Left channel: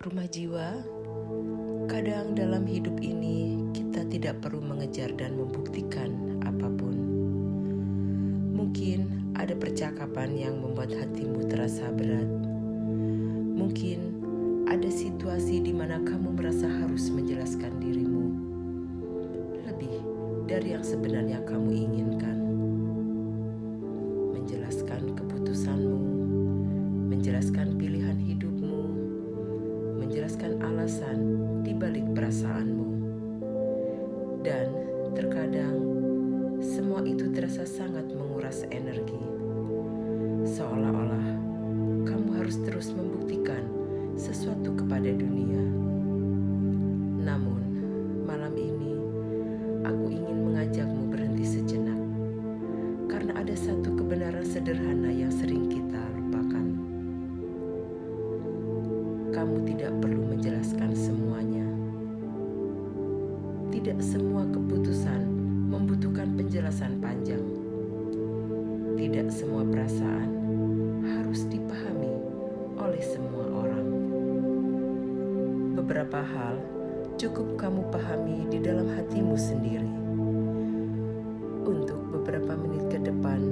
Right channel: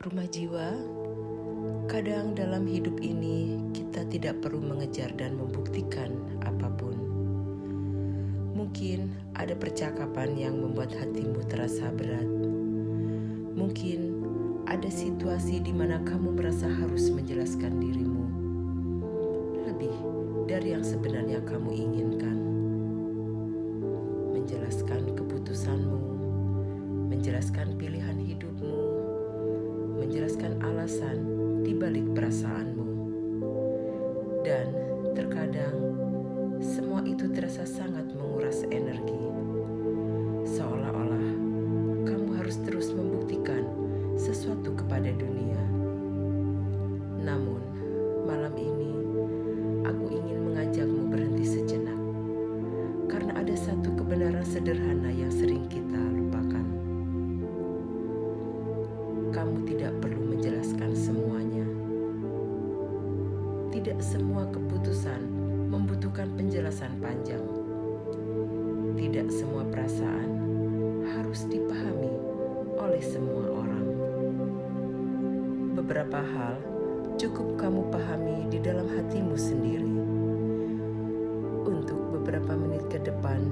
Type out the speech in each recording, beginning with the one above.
Rumah jiwa, kadang dalam hidup ini kita tidak perlu mengejar dan membuktikan apapun. Mungkin ada percakapan yang membuat hatimu terasa berat. Mungkin ada situasi di mana kamu merasa harus menjelaskan dirimu lebih dari yang sebenarnya kamu inginkan. Menjelaskan keputusanmu, menjelaskan pilihan hidupmu, menjelaskan alasan di balik perasaanmu. Dan terkadang semua itu terasa sangat menguras energi. Seolah-olah kamu harus terus membuktikan sesuatu kepada dunia. Namun, malam ini aku ingin mengajakmu berhenti sejenak. Karena ada satu kebenaran sederhana yang sering kita lupakan. Kamu tidak perlu menjelaskan semuanya. Tidak semua keputusan membutuhkan penjelasan panjang. Tidak semua perasaan harus dipahami oleh semua orang. Beberapa hal cukup kamu pahami di dalam hatimu sendiri. Untuk beberapa menit ke depan,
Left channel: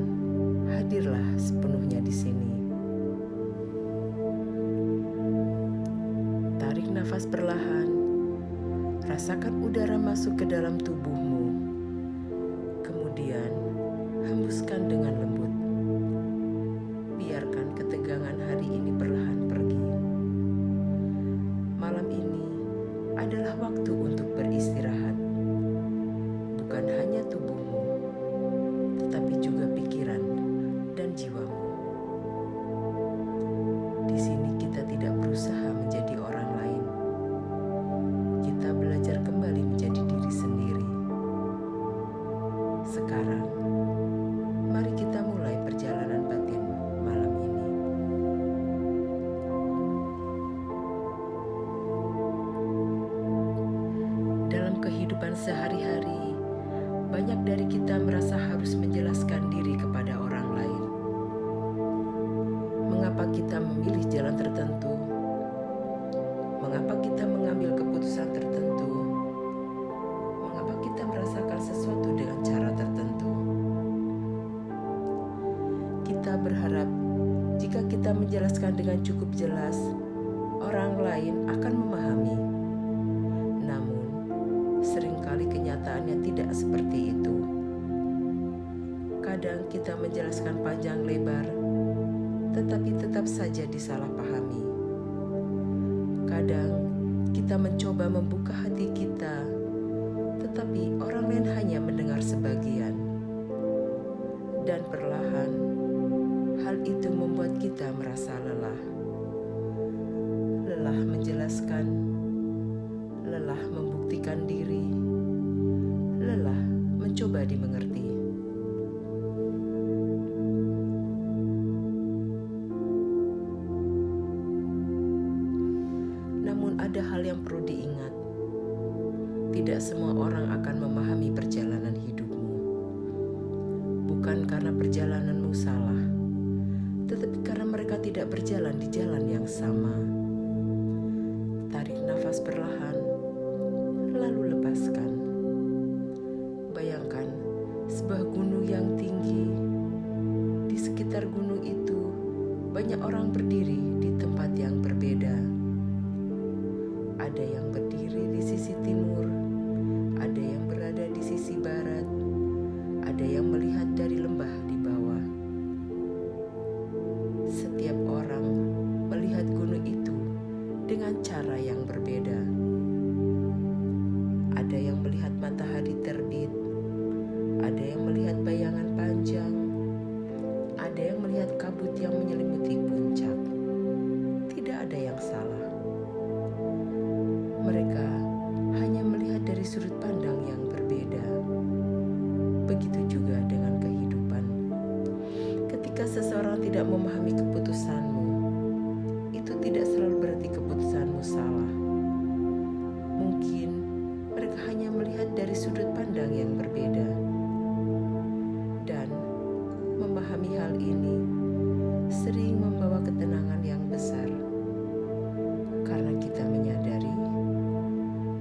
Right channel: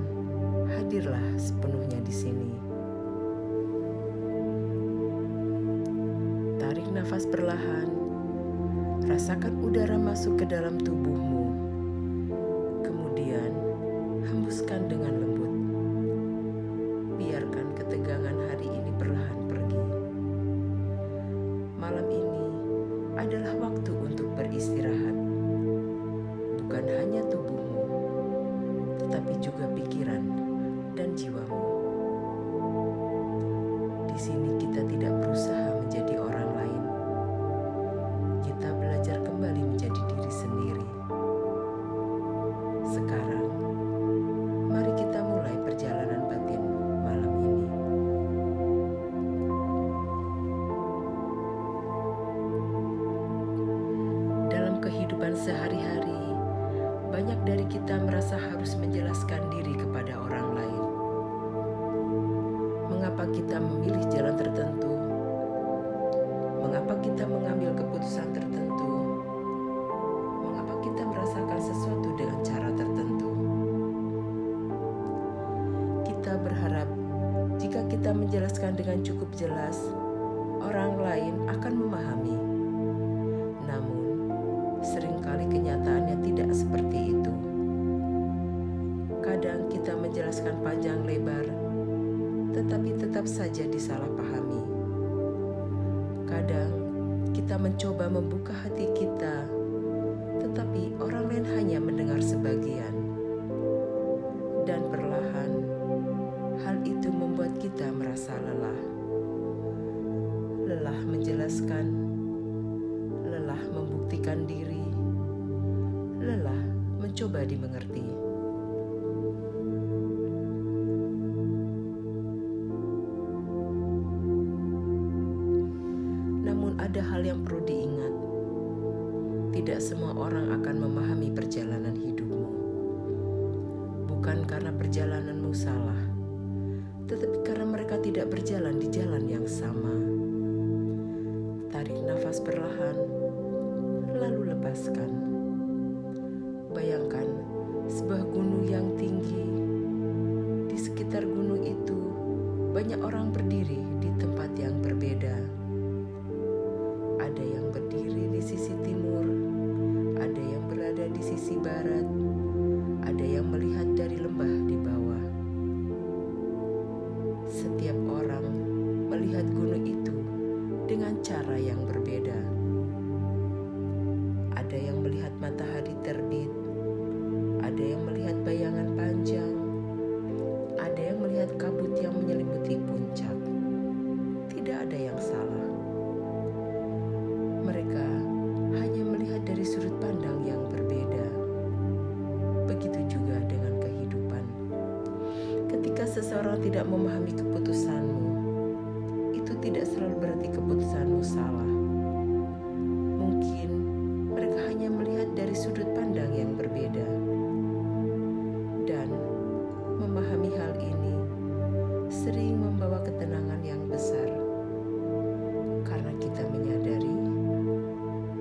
hadirlah sepenuhnya di sini. Tarik nafas perlahan, rasakan udara masuk ke dalam tubuhmu. Kemudian, hembuskan dengan lembut. Biarkan ketegangan hari ini perlahan pergi. Malam ini adalah waktu untuk beristirahat. Bukan hanya tubuhmu, tetapi juga pikiran dan jiwamu. Di sini kita tidak berusaha menjadi orang lain. Kita belajar kembali menjadi diri sendiri. Sekarang, mari kita mulai perjalanan batin malam ini. Dalam kehidupan sehari-hari, banyak dari kita merasa harus menjelaskan diri kepada orang lain. Mengapa kita memilih jalan tertentu? Mengapa kita mengambil keputusan tertentu? Mengapa kita merasakan sesuatu dengan cara tertentu? Kita berharap jika kita menjelaskan dengan cukup jelas, orang lain akan memahami. Namun, seringkali kenyataannya tidak seperti itu. Kadang kita menjelaskan panjang lebar, tetapi tetap saja disalahpahami. Kadang kita mencoba membuka hati kita, tetapi orang lain hanya mendengar sebagian. Dan perlahan, hal itu membuat kita merasa lelah. Lelah menjelaskan, lelah membuktikan diri, lelah mencoba dimengerti. Namun ada hal yang perlu diingat. Tidak semua orang akan memahami perjalanan hidupmu. Bukan karena perjalananmu salah, tetapi karena mereka tidak berjalan di jalan yang sama. Tarik nafas perlahan, lalu lepaskan. Bayangkan sebuah gunung yang tinggi. Di sekitar gunung itu, banyak orang berdiri di tempat yang berbeda. Ada yang berdiri di sisi timur, ada yang berada di sisi barat, ada yang melihat dari lembah di bawah. Setiap orang melihat gunung itu dengan cara yang berbeda. Ada yang melihat matahari terbit, ada yang melihat bayangan panjang, ada yang melihat kabut yang menyelimuti puncak. Tidak ada yang salah. Mereka hanya melihat dari sudut pandang yang berbeda. Begitu juga dengan kehidupan. Ketika seseorang tidak memahami keputusanmu, itu tidak selalu berarti keputusanmu salah. Mungkin mereka hanya melihat dari sudut pandang yang berbeda. Dan memahami hal ini sering membawa ketenangan yang besar. karena kita menyadari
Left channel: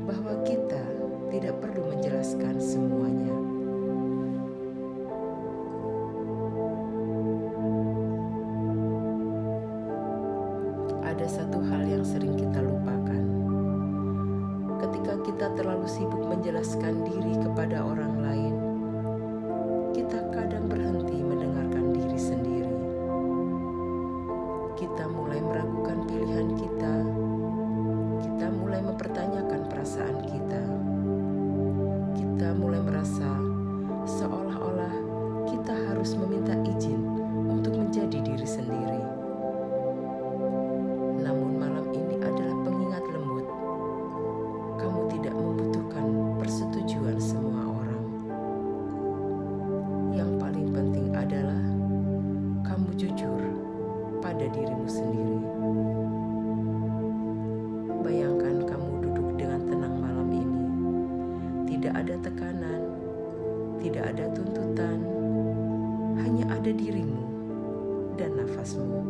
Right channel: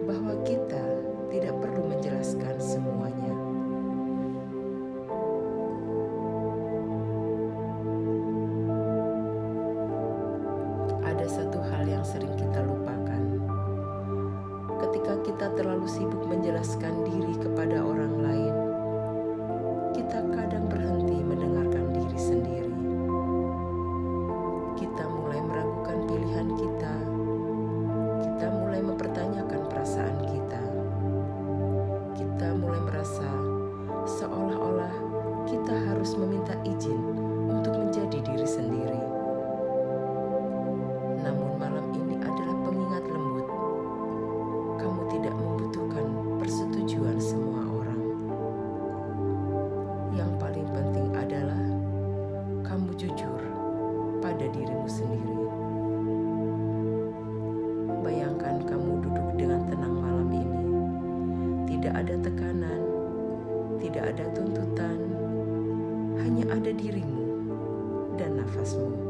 bahwa kita tidak perlu menjelaskan semuanya. Ada satu hal yang sering kita lupakan. Ketika kita terlalu sibuk menjelaskan diri kepada orang lain, kita kadang berhenti mendengarkan diri sendiri. Kita mulai meragukan pilihan kita. Kita mulai mempertanyakan perasaan kita. Kita mulai merasa seolah-olah kita harus meminta izin untuk menjadi diri sendiri. Namun malam ini adalah pengingat lembut. Kamu tidak membutuhkan persetujuan semua orang. Yang paling penting adalah kamu jujur pada dirimu sendiri. Bayangkan kamu duduk dengan tenang malam ini. Tidak ada tekanan, tidak ada tuntutan, hanya ada dirimu dan nafasmu.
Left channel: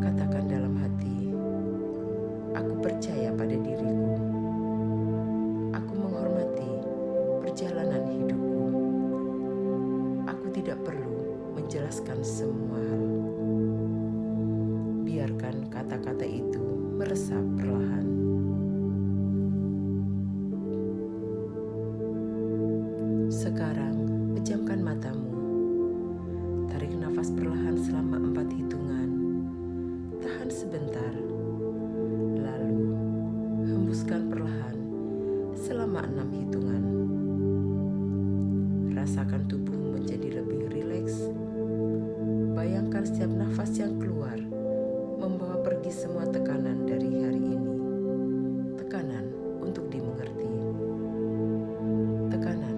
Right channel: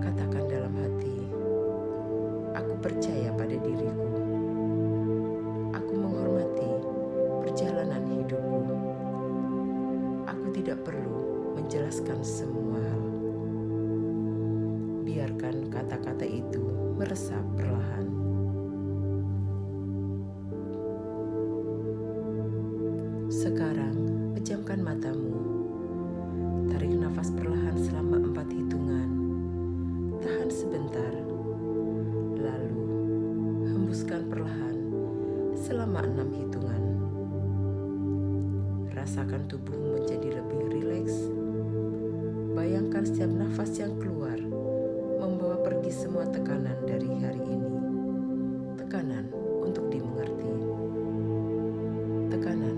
Katakan dalam hati, aku percaya pada diriku. Aku menghormati perjalanan hidupku. Aku tidak perlu menjelaskan semua hal. Biarkan kata-kata itu meresap perlahan. Sekarang, pejamkan matamu. Tarik nafas perlahan selama 4 hitungan. Tahan sebentar. Lalu, hembuskan perlahan selama 6 hitungan. Rasakan tubuhmu menjadi lebih rileks. Bayangkan setiap nafas yang keluar membawa pergi semua tekanan dari hari ini. Tekanan untuk dimengerti. Tekanan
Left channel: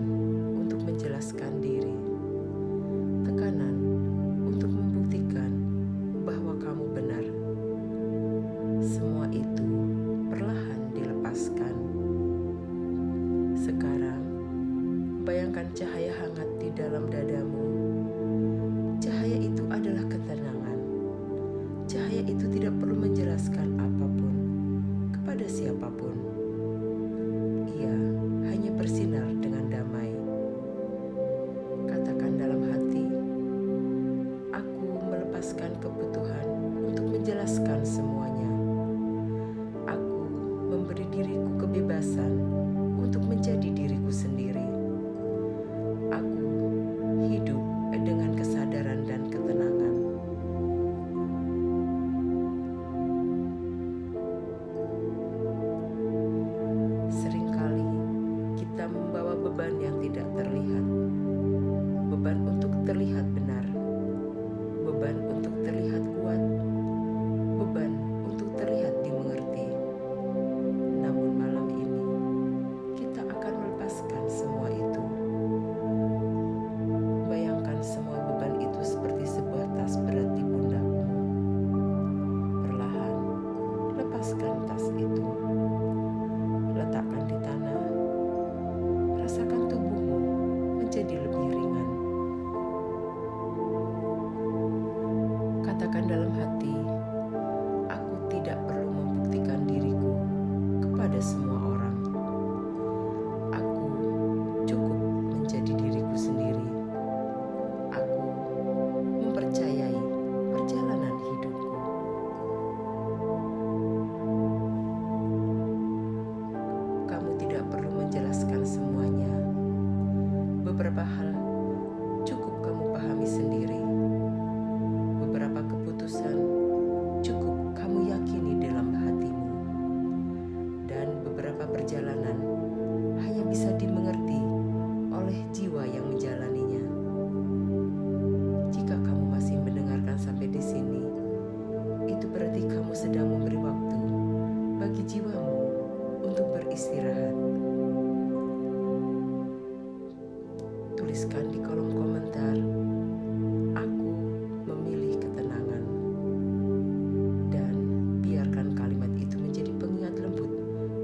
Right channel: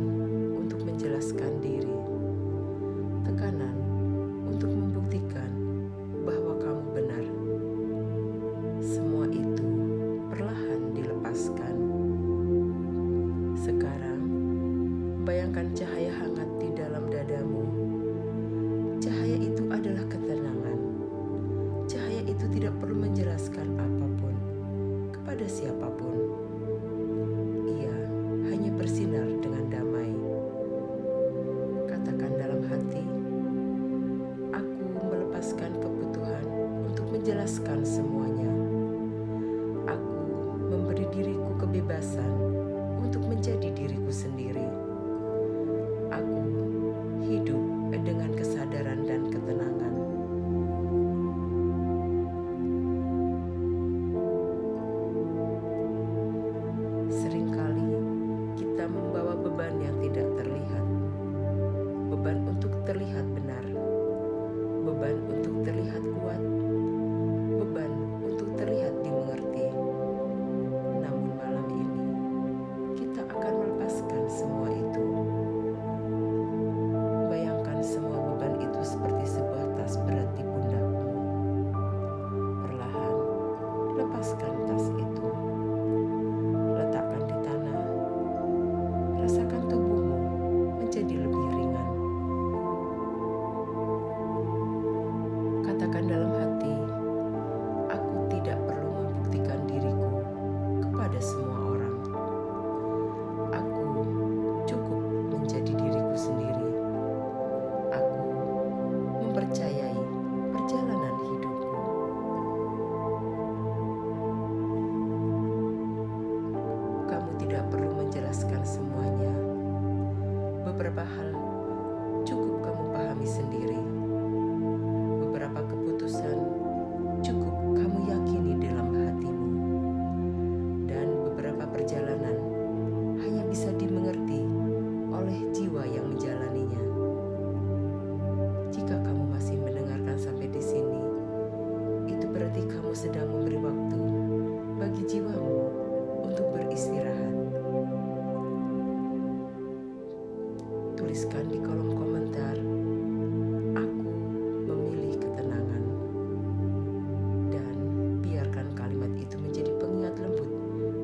untuk menjelaskan diri. Tekanan untuk membuktikan bahwa kamu benar. Semua itu perlahan dilepaskan. Sekarang, bayangkan cahaya hangat di dalam dadamu. Cahaya itu adalah ketenangan. Cahaya itu tidak perlu menjelaskan apapun kepada siapapun. Ia hanya bersinar dengan damai. Katakan dalam hati, aku melepaskan kebutuhan untuk menjelaskan semuanya. Aku memberi diriku kebebasan untuk menjadi diriku sendiri. Aku hidup dengan kesadaran dan ketenangan. Seringkali kita membawa beban yang tidak terlihat. Beban untuk terlihat benar. Beban untuk terlihat kuat. Beban untuk terlihat dimengerti. Namun malam ini, kita akan melepaskan semua itu. Bayangkan semua beban itu seperti sebuah tas berat di pundakmu. Perlahan, lepaskan tas itu. Letakkan di tanah. Rasakan tubuhmu menjadi lebih ringan. Katakan dalam hati, aku tidak perlu membuktikan diriku kepada semua orang. Aku cukup menjadi diriku sendiri. Aku mempercayai perjalanan hidupku. Kamu tidak perlu menjelaskan semuanya. Beberapa hal cukup kamu pahami sendiri. Beberapa keputusan cukup kamu yakini dalam hatimu. Dan beberapa perjalanan hanya bisa dimengerti oleh jiwa yang menjalaninya. Jika kamu masih mendengarkan sampai di sini, itu berarti kamu sedang memberi waktu bagi jiwamu untuk beristirahat. Tuliskan di kolom komentar, aku memilih ketenangan. Dan biarkan kalimat itu menjadi pengingat lembut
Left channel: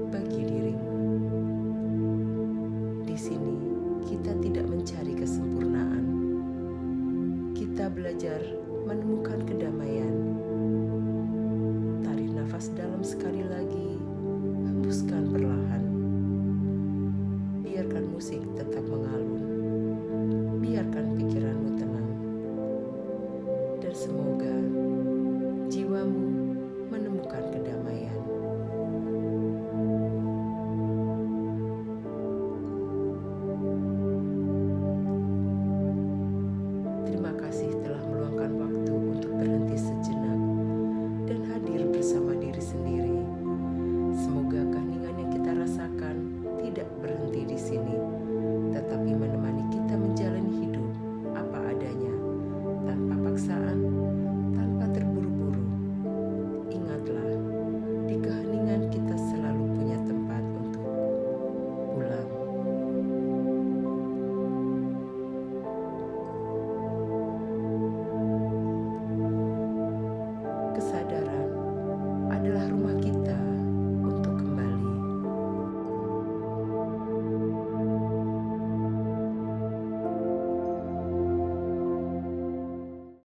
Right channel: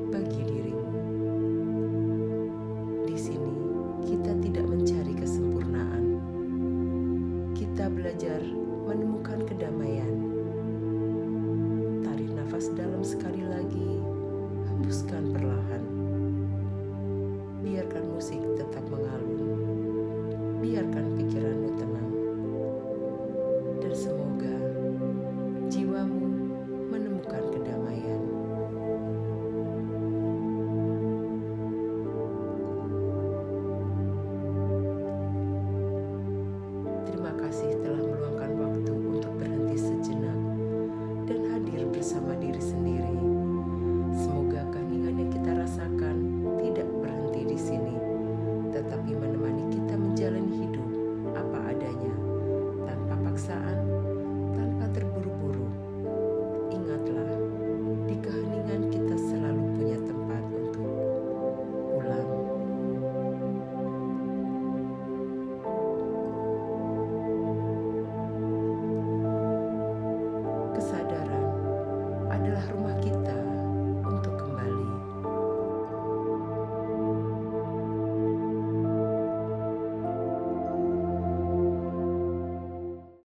bagi dirimu. Di sini kita tidak mencari kesempurnaan. Kita belajar menemukan kedamaian. Tarik nafas sekali lagi, hembuskan perlahan. Biarkan musik tetap mengalun. Biarkan pikiranmu tenang. Dan semoga jiwamu menemukan kedamaian. Terima kasih telah meluangkan waktu untuk berhenti sejenak dan hadir bersama diri sendiri. Semoga keheningan yang kita rasakan tidak berhenti di sini, tetapi menemani kita menjalani hidup apa adanya, tanpa paksaan, tanpa terburu-buru. Ingatlah, di keheningan kita selalu punya tempat untuk pulang. Kesadaran adalah rumah kita